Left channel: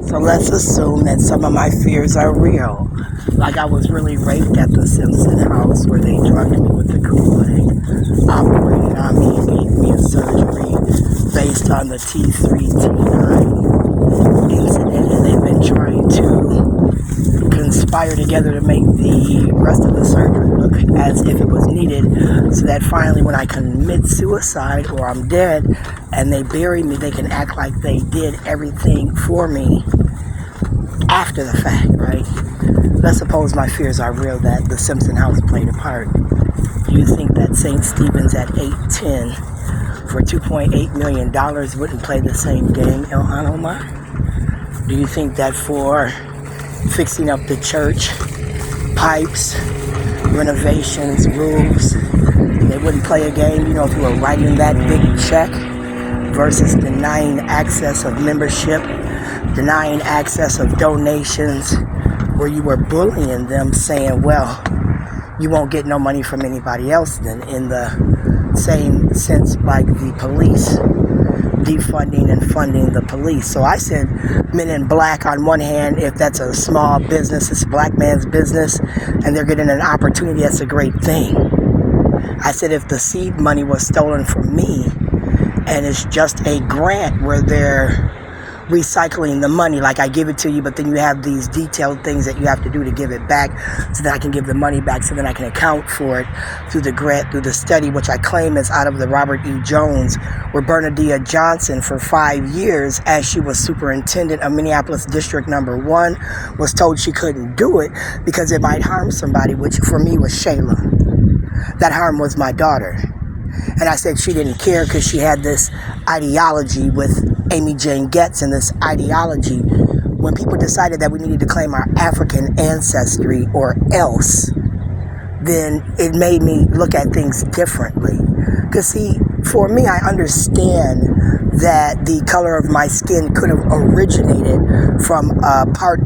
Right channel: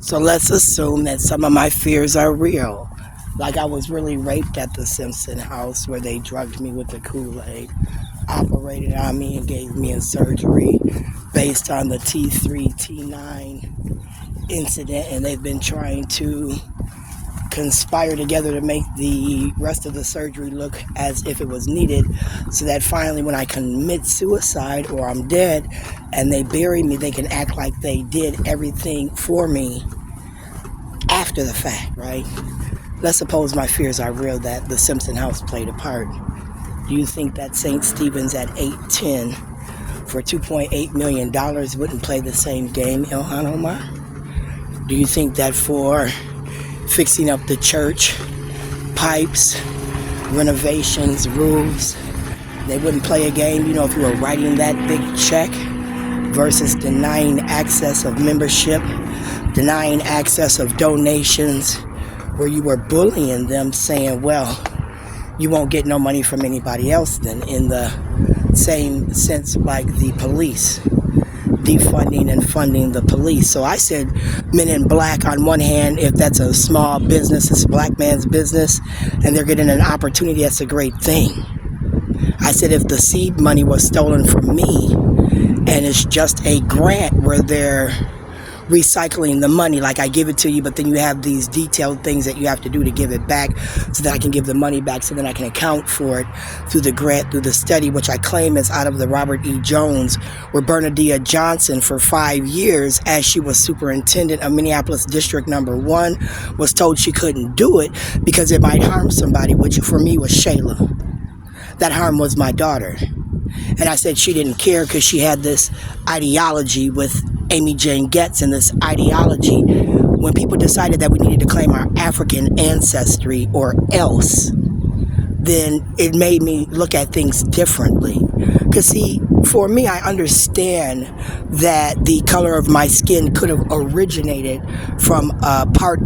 So let's assume that some of my fears are real. Like I was really raped at the Simpson house where they drugged me with the Kool-Aid, operated on me and gave me a surgery based on the T3, T9 incident. And they've been trying to conspire together to make the rest of the surgery look as if it was needed, so that finally when I commit suicide or I'm dead and they bury me, they can act like they did everything for me after the fact, right? Let's suppose my fears are real, that the Simpson house played a part. Do you think that St. Stephen's at 810 for $2.8 million wouldn't play the same game, Ilhan Omar? Do you think that for fixing up the church, pipes, renovations, roofs, they wouldn't play a game, if you were writing that big check versus denying access of membership, denying access of donations, where you were bullying them, saying, well, you won't get no money from anybody else then, in the same sense like the police, defunding and funding the police. So I said Men in Black, on one hand, if that's a small business, it's a black man's business, and they're getting an opportunity, that's a great thing. I said if the seed money was stolen from me and it's just a grant where they're recycling the money, like I give it to you, but then you have these detailed things that you have to do to give it back so that I can give the money back, so then I can account for it through the grant, through the study, which I claim is out of the Robert E. Jones, where Bernadette Johnson for 5 years, as she was superintendent of Minneapolis District Number 1, was told she couldn't do it because it might harm somebody, which for me was Shayla. That harm was my daughter. And I said she didn't care because she had this ideology with Amy Jane Getz, and this ideology, when people decided that we needed to claim our African ancestry or else, then it made me look at things differently. Because see, for me, I understand that the color of my skin could have originated from a part